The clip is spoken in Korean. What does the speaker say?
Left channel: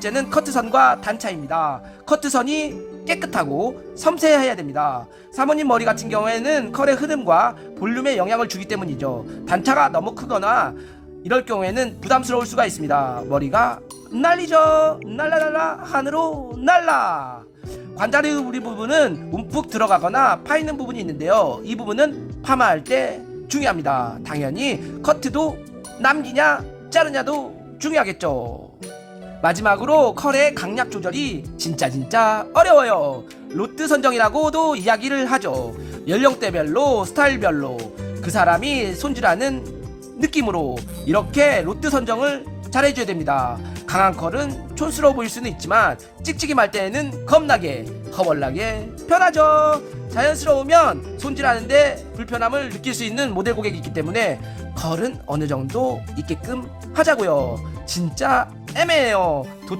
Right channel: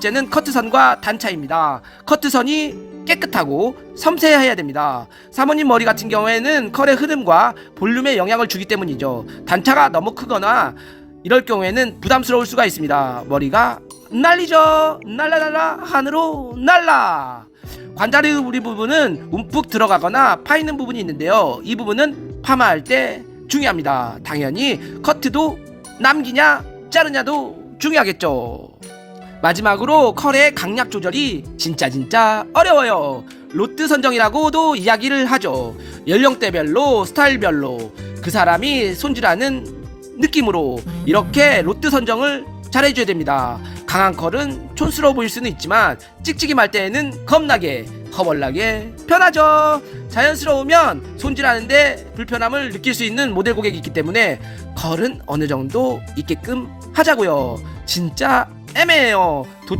번째는 커트선과 단차입니다. 커트선이 깨끗하고 섬세해야 됩니다. 사모님 머리 같은 경우에는 컬의 흐름과 볼륨에 영향을 주기 때문이죠. 단차가 너무 크거나 이럴 경우에는 부담스러울 수가 있습니다. 머리가 날리죠. 날라날라 하늘로 날라. 관자리 우리 부분은 움푹 들어가거나 파이는 부분이 있는데요. 이 부분은 파마할 때 중요합니다. 당연히 커트도 남기냐 자르냐도 중요하겠죠. 마지막으로 컬의 강약 조절이 진짜 진짜 어려워요. 로트 선정이라고도 이야기를 하죠. 연령대별로 스타일별로 그 사람이 손질하는 느낌으로 이렇게 로트 선정을 잘해줘야 됩니다. 강한 컬은 촌스러워 보일 수는 있지만 찍찍이 말 때에는 겁나게 커벌나게 편하죠. 자연스러우면 손질하는데 불편함을 느낄 수 있는 모델 고객이 있기 때문에 컬은 어느 정도 있게끔 하자고요. 진짜 애매해요. 도-